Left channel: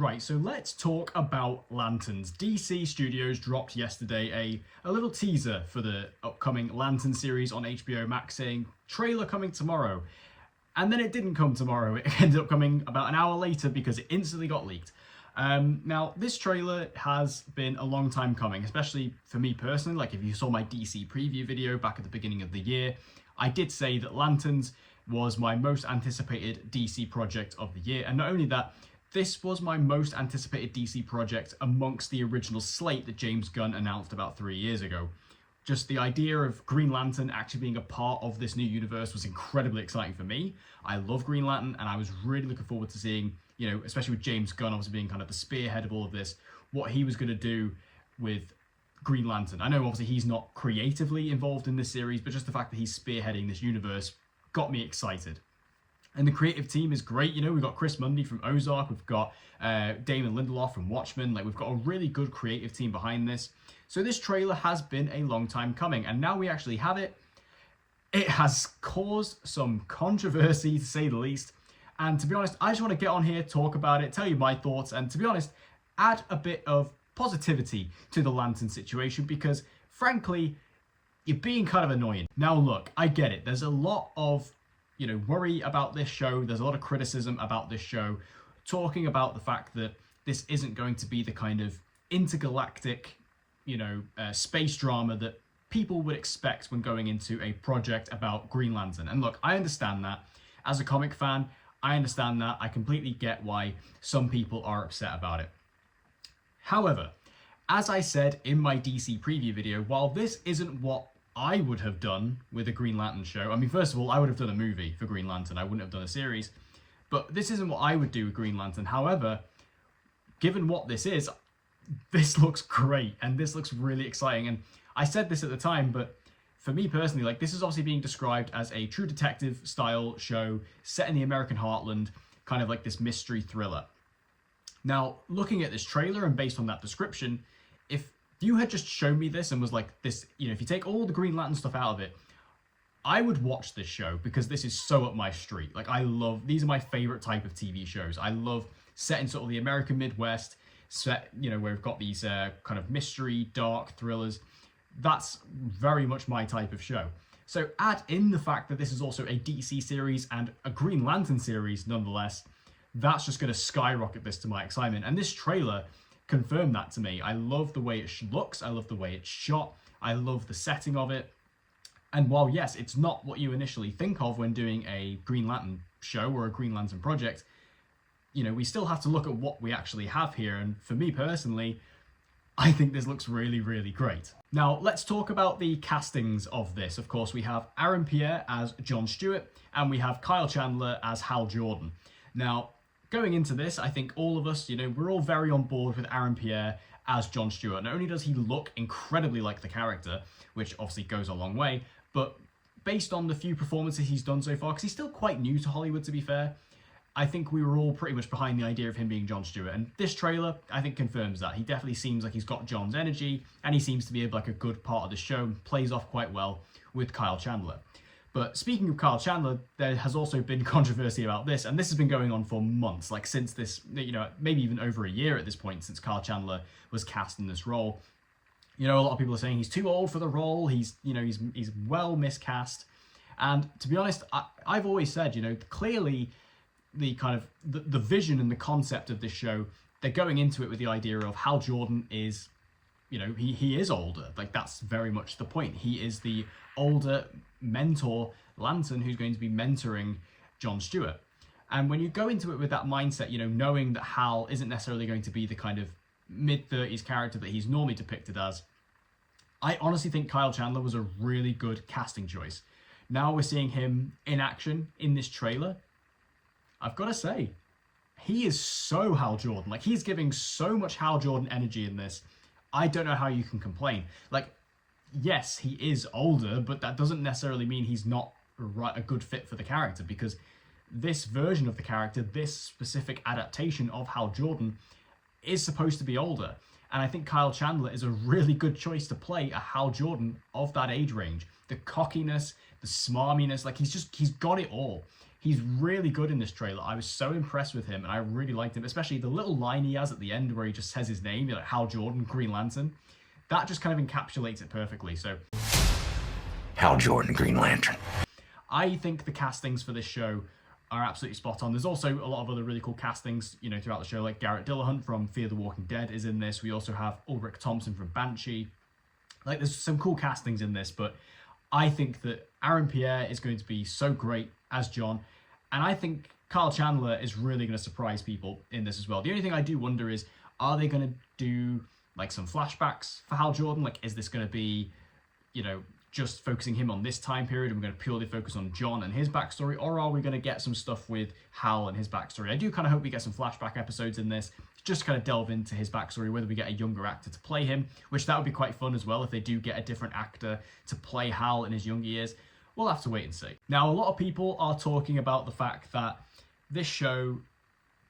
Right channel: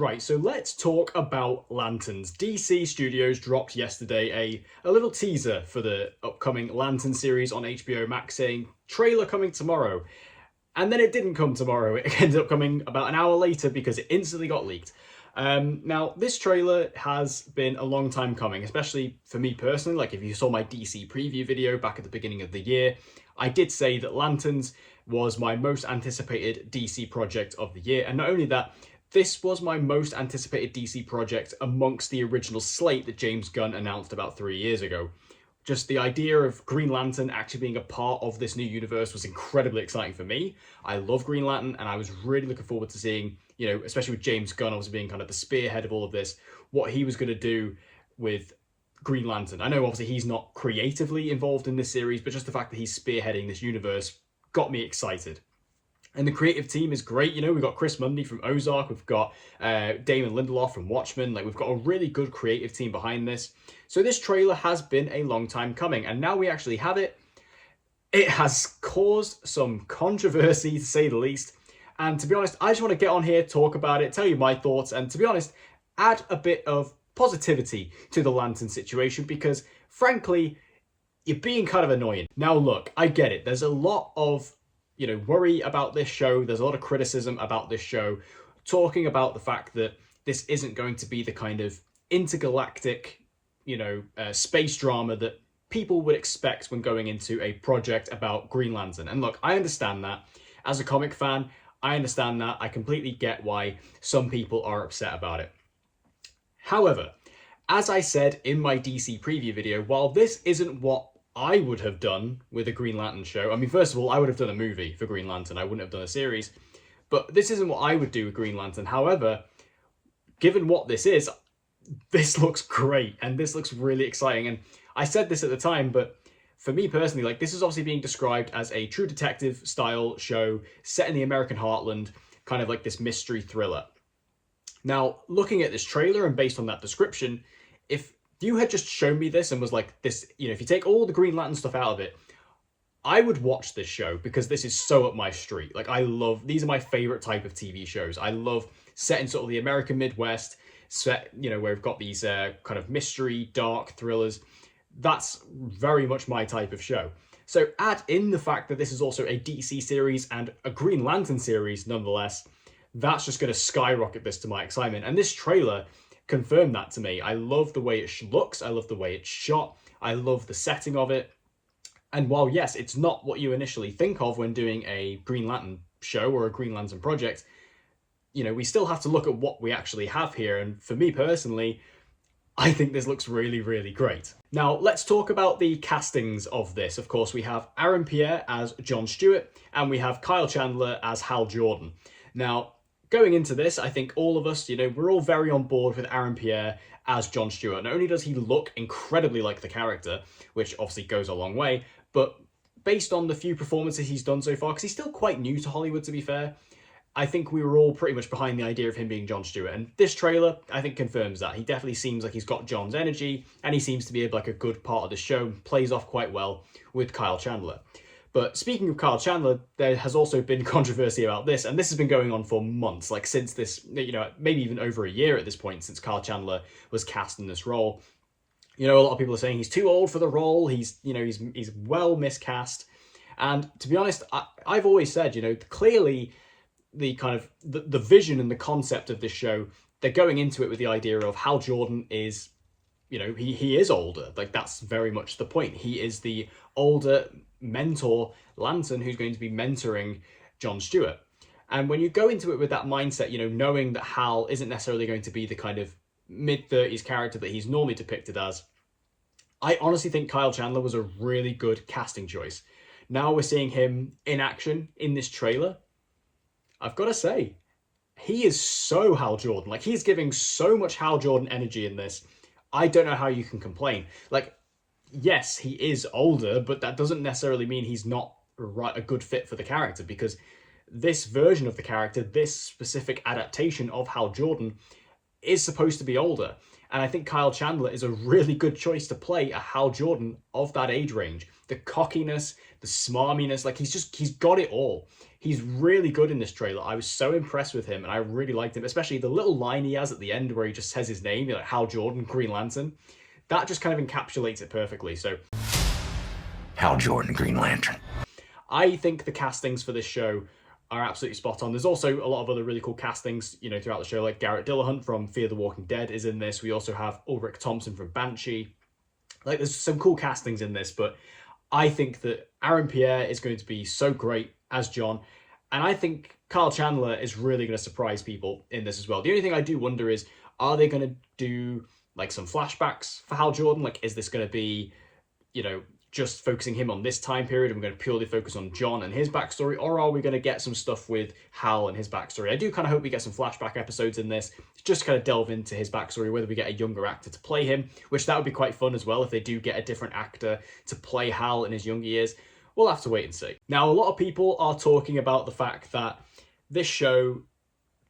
Right, so let's talk about lanterns. DC Studios dropped yesterday a little teaser for the upcoming Lantern series on HBO Max saying trailer coming tomorrow. And then it didn't come tomorrow. It ended up coming about an hour later because it instantly got leaked. Now, this trailer has been a long time coming, especially for me personally. Like, if you saw my DC preview video back at the beginning of the year, I did say that Lanterns was my most anticipated DC project of the year. And not only that, this was my most anticipated DC project amongst the original slate that James Gunn announced about 3 years ago. Just the idea of Green Lantern actually being a part of this new universe was incredibly exciting for me. I love Green Lantern, and I was really looking forward to seeing, especially with James Gunn obviously being kind of the spearhead of all of this, what he was going to do with Green Lantern. I know obviously he's not creatively involved in this series, but just the fact that he's spearheading this universe got me excited. And the creative team is great. We've got Chris Mundy from Ozark. We've got Damon Lindelof from Watchmen. We've got a really good creative team behind this. So this trailer has been a long time coming. And now we actually have it. It has caused some controversy, to say the least. And to be honest, I just want to get on here, talk about it, tell you my thoughts, and to be honest, add a bit of positivity to the Lantern situation because, frankly, you're being kind of annoying. Now, look, I get it. There's a lot of worry about this show. There's a lot of criticism about this show, talking about the fact that this isn't going to be the kind of intergalactic, space drama that people would expect when going into a project about Green Lantern. And look, I understand that. As a comic fan, I understand that. I completely get why some people are upset about it. However, as I said in my DC preview video, while this isn't what I would have done with a Green Lantern show. I mean, first of all, I would have done a movie for Green Lantern. I wouldn't have done a series. But this isn't what I would do with Green Lantern. However, given what this is, this looks great. And this looks really exciting. And I said this at the time, but for me personally, this is obviously being described as a True Detective style show set in the American heartland, kind of like this mystery thriller. Now, looking at this trailer and based on that description, if you had just shown me this and was like, this, if you take all the Green Lantern stuff out of it, I would watch this show because this is so up my street. These are my favorite type of TV shows. I love set in sort of the American Midwest, set, where we've got these kind of mystery, dark thrillers. That's very much my type of show. So add in the fact that this is also a DC series and a Green Lantern series, nonetheless, that's just going to skyrocket this to my excitement. And this trailer confirmed that to me. I love the way it looks. I love the way it's shot. I love the setting of it. And while, yes, it's not what you initially think of when doing a Green Lantern show or a Green Lantern project, we still have to look at what we actually have here. And for me personally, I think this looks really, really great. Now, let's talk about the castings of this. Of course, we have Aaron Pierre as John Stewart, and we have Kyle Chandler as Hal Jordan. Now, going into this, I think all of us, we're all very on board with Aaron Pierre as John Stewart. Not only does he look incredibly like the character, which obviously goes a long way, but based on the few performances he's done so far, because he's still quite new to Hollywood, to be fair, I think we were all pretty much behind the idea of him being John Stewart. And this trailer, I think, confirms that. He definitely seems like he's got John's energy, and he seems to be a good part of the show, plays off quite well with Kyle Chandler. But speaking of Kyle Chandler, there has also been controversy about this, and this has been going on for months, since this, maybe even over a year at this point, since Kyle Chandler was cast in this role. A lot of people are saying he's too old for the role, he's well miscast. And to be honest, I've always said, clearly the kind of the vision and the concept of this show, they're going into it with the idea of Hal Jordan is, he is older. That's very much the point. He is the older mentor Lantern who's going to be mentoring John Stewart. And when you go into it with that mindset, knowing that Hal isn't necessarily going to be the kind of mid-30s character that he's normally depicted as, I honestly think Kyle Chandler was a really good casting choice. Now we're seeing him in action in this trailer. I've got to say, he is so Hal Jordan. He's giving so much Hal Jordan energy in this. I don't know how you can complain. Yes, he is older, but that doesn't necessarily mean he's not a good fit for the character, because this version of the character, this specific adaptation of Hal Jordan, is supposed to be older. And I think Kyle Chandler is a really good choice to play a Hal Jordan of that age range. The cockiness, the smarminess, he's got it all. He's really good in this trailer. I was so impressed with him, and I really liked him, especially the little line he has at the end where he just says his name, like Hal Jordan, Green Lantern. That just kind of encapsulates it perfectly. So, Hal Jordan, Green Lantern. I think the castings for this show are absolutely spot on. There's also a lot of other really cool castings, throughout the show, like Garrett Dillahunt from Fear the Walking Dead is in this. We also have Ulrich Thompson from Banshee. Like, there's some cool castings in this, but I think that Aaron Pierre is going to be so great as John, and I think Kyle Chandler is really going to surprise people in this as well. The only thing I do wonder is, are they going to do like some flashbacks for Hal Jordan? Like, is this going to be, just focusing him on this time period, and we're going to purely focus on John and his backstory, or are we going to get some stuff with Hal and his backstory? I do kind of hope we get some flashback episodes in this, just kind of delve into his backstory, whether we get a younger actor to play him, which that would be quite fun as well if they do get a different actor to play Hal in his younger years. We'll have to wait and see. Now, a lot of people are talking about the fact that this show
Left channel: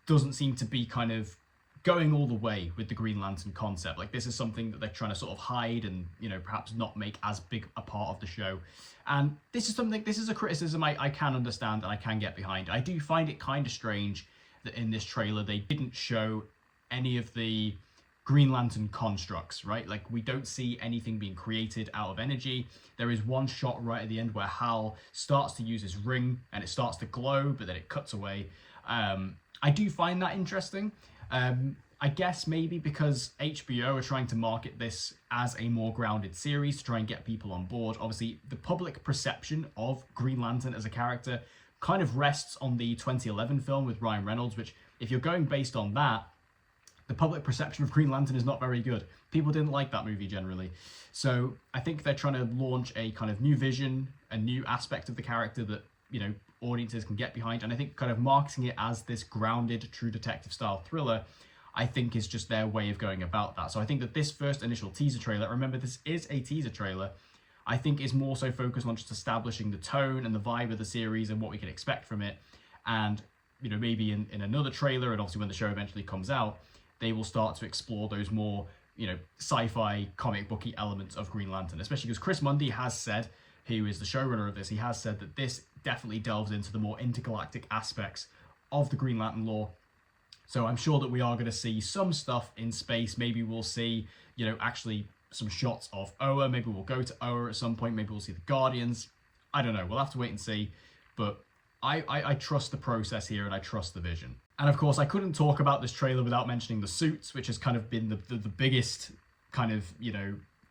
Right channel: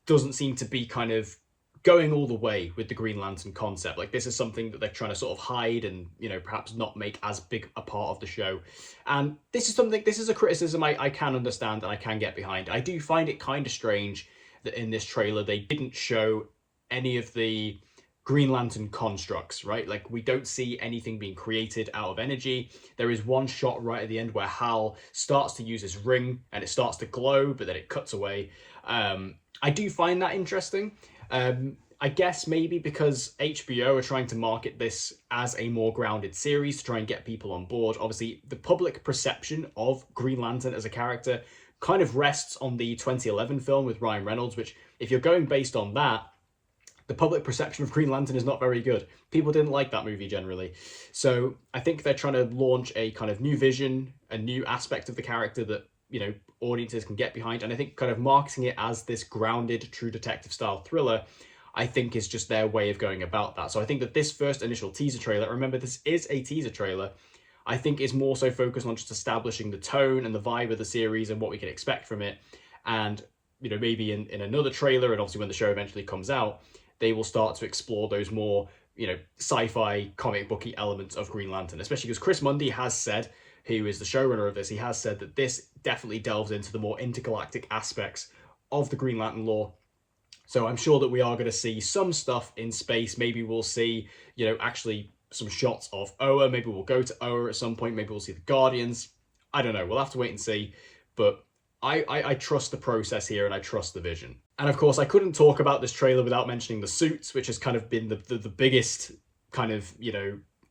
doesn't seem to be kind of going all the way with the Green Lantern concept. Like, this is something that they're trying to sort of hide and, perhaps not make as big a part of the show. And this is a criticism I can understand and I can get behind. I do find it kind of strange that in this trailer they didn't show any of the Green Lantern constructs, right? Like, we don't see anything being created out of energy. There is one shot right at the end where Hal starts to use his ring and it starts to glow, but then it cuts away. I do find that interesting. I guess maybe because HBO are trying to market this as a more grounded series to try and get people on board. Obviously, the public perception of Green Lantern as a character kind of rests on the 2011 film with Ryan Reynolds, which, if you're going based on that, the public perception of Green Lantern is not very good. People didn't like that movie generally. So I think they're trying to launch a kind of new vision, a new aspect of the character that, audiences can get behind. And I think kind of marketing it as this grounded, true detective style thriller, I think is just their way of going about that. So I think that this first initial teaser trailer, remember this is a teaser trailer, I think is more so focused on just establishing the tone and the vibe of the series and what we can expect from it. And, maybe in another trailer, and obviously when the show eventually comes out, they will start to explore those more, sci-fi comic booky elements of Green Lantern, especially because Chris Mundy has said, who is the showrunner of this, he has said that this definitely delves into the more intergalactic aspects of the Green Lantern lore. So I'm sure that we are going to see some stuff in space. Maybe we'll see, actually some shots of Oa. Maybe we'll go to Oa at some point. Maybe we'll see the Guardians. I don't know. We'll have to wait and see. But I trust the process here and I trust the vision. And of course, I couldn't talk about this trailer without mentioning the suits, which has kind of been the biggest kind of,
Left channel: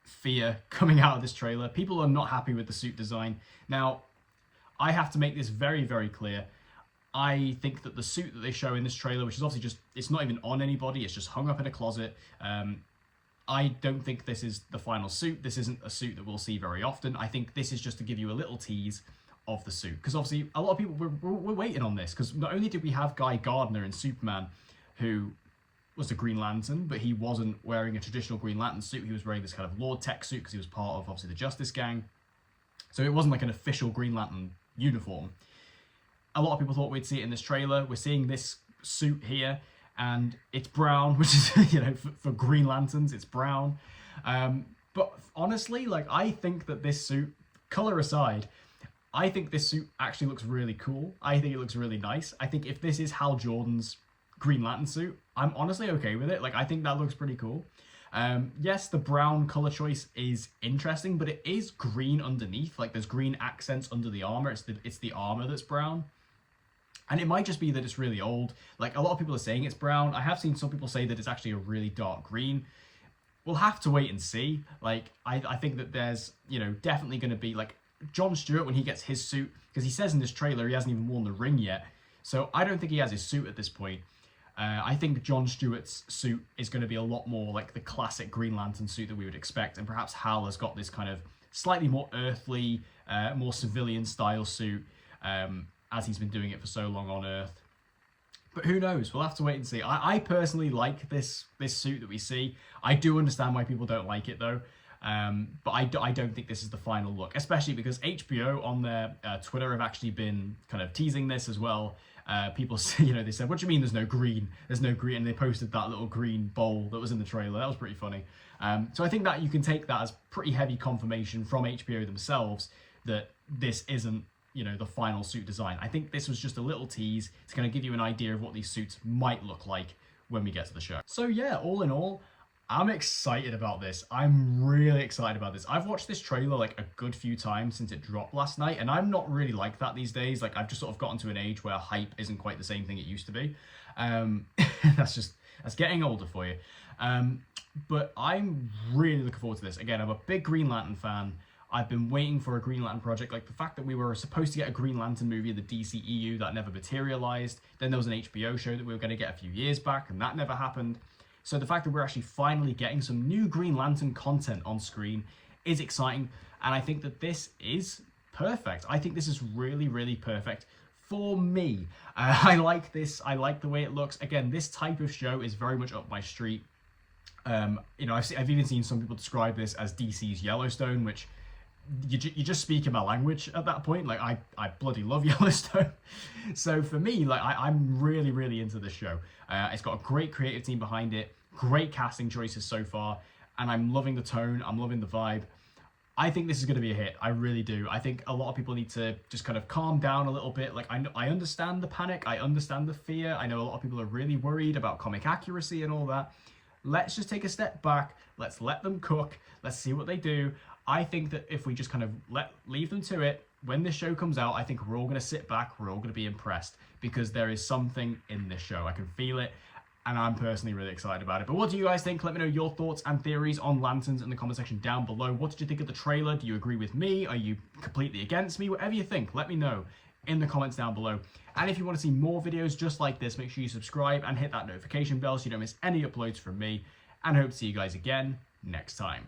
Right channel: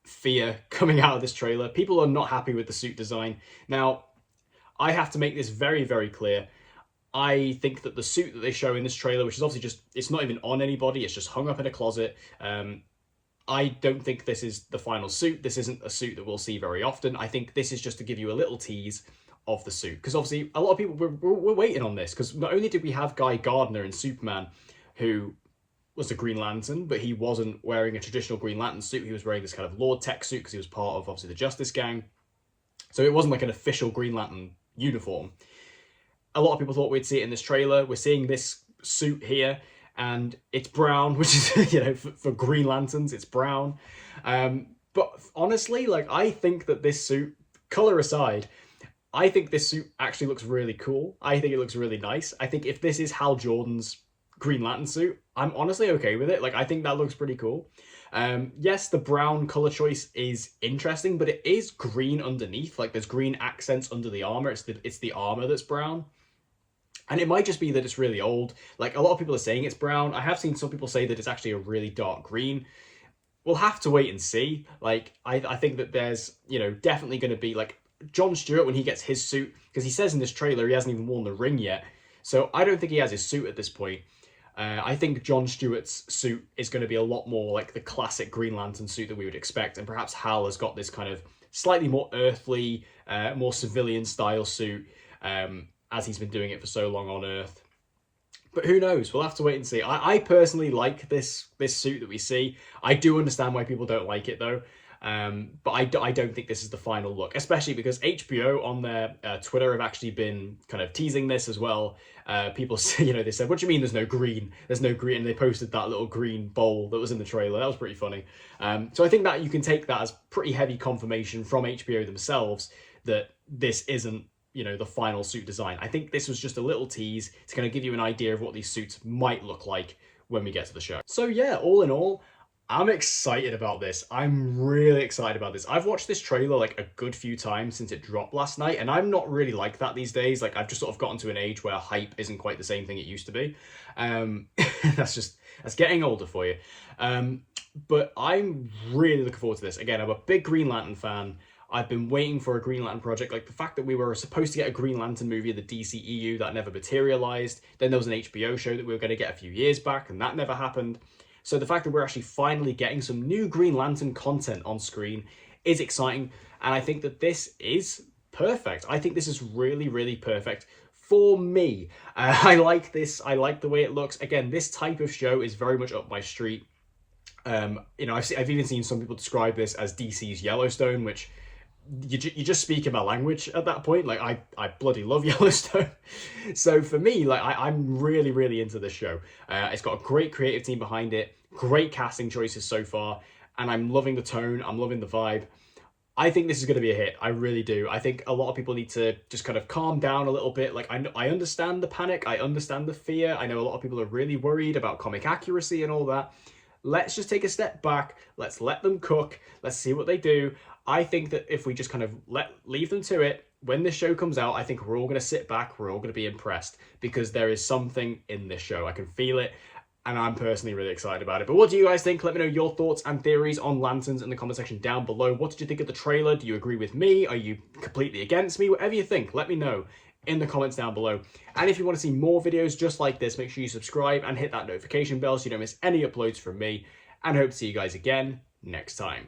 fear coming out of this trailer. People are not happy with the suit design. Now, I have to make this very, very clear. I think that the suit that they show in this trailer, which is obviously just, it's not even on anybody, it's just hung up in a closet. I don't think this is the final suit. This isn't a suit that we'll see very often. I think this is just to give you a little tease of the suit. Because obviously, a lot of people were waiting on this. Because not only did we have Guy Gardner in Superman, who was a Green Lantern, but he wasn't wearing a traditional Green Lantern suit. He was wearing this kind of Lord Tech suit because he was part of, obviously, the Justice Gang. So it wasn't like an official Green Lantern uniform. A lot of people thought we'd see it in this trailer. We're seeing this suit here, and it's brown, which is, for Green Lanterns, it's brown. But honestly, I think that this suit, color aside, I think this suit actually looks really cool. I think it looks really nice. I think if this is Hal Jordan's Green Lantern suit, I'm honestly okay with it. I think that looks pretty cool. Yes, the brown color choice is interesting, but it is green underneath. There's green accents under the armor. It's the armor that's brown. And it might just be that it's really old. A lot of people are saying it's brown. I have seen some people say that it's actually a really dark green. We'll have to wait and see. I think that there's, definitely going to be, Jon Stewart, when he gets his suit, because he says in this trailer he hasn't even worn the ring yet. So I don't think he has his suit at this point. I think Jon Stewart's suit is going to be a lot more like the classic Green Lantern suit that we would expect. And perhaps Hal has got this kind of slightly more earthly, more civilian style suit, as he's been doing it for so long on Earth. But who knows? We'll have to wait and see. I personally like this suit that we see. I do understand why people don't like it, though. But I don't think this is the final look, especially because HBO on their Twitter have actually been kind of teasing this as well. People say, they said, what do you mean there's no green? There's no green. And they posted that little green bowl that was in the trailer. That was pretty funny. So I think that you can take that as pretty heavy confirmation from HBO themselves that this isn't the final suit design. I think this was just a little tease to kind of give you an idea of what these suits might look like when we get to the show. So yeah, all in all, I'm excited about this. I'm really excited about this. I've watched this trailer like a good few times since it dropped last night, and I'm not really like that these days. Like, I've just sort of gotten to an age where hype isn't quite the same thing it used to be. That's getting older for you. But I'm really looking forward to this. Again, I'm a big Green Lantern fan. I've been waiting for a Green Lantern project. Like, the fact that we were supposed to get a Green Lantern movie in the DCEU, that never materialized. Then there was an HBO show that we were going to get a few years back, and that never happened. So the fact that we're actually finally getting some new Green Lantern content on screen is exciting, and I think that this is perfect. I think this is really, really perfect for me. I like this. I like the way it looks. Again, this type of show is very much up my street. I've even seen some people describe this as DC's Yellowstone, which you just speak in my language at that point. Like, I bloody love Yellowstone. So for me, like, I'm really, really into this show. It's got a great creative team behind it, great casting choices so far, and I'm loving the tone, I'm loving the vibe. I think this is going to be a hit. I really do. I think a lot of people need to just kind of calm down a little bit. Like, I understand the panic, I understand the fear. I know a lot of people are really worried about comic accuracy and all that. Let's just take a step back. Let's let them cook. Let's see what they do. I think that if we just kind of leave them to it, when this show comes out, I think we're all going to sit back. We're all going to be impressed because there is something in this show. I can feel it, and I'm personally really excited about it. But what do you guys think? Let me know your thoughts and theories on Lanterns in the comment section down below. What did you think of the trailer? Do you agree with me? Are you completely against me? Whatever you think, let me know in the comments down below. And if you want to see more videos just like this, make sure you subscribe and hit that notification bell so you don't miss any uploads from me. And I hope to see you guys again next time.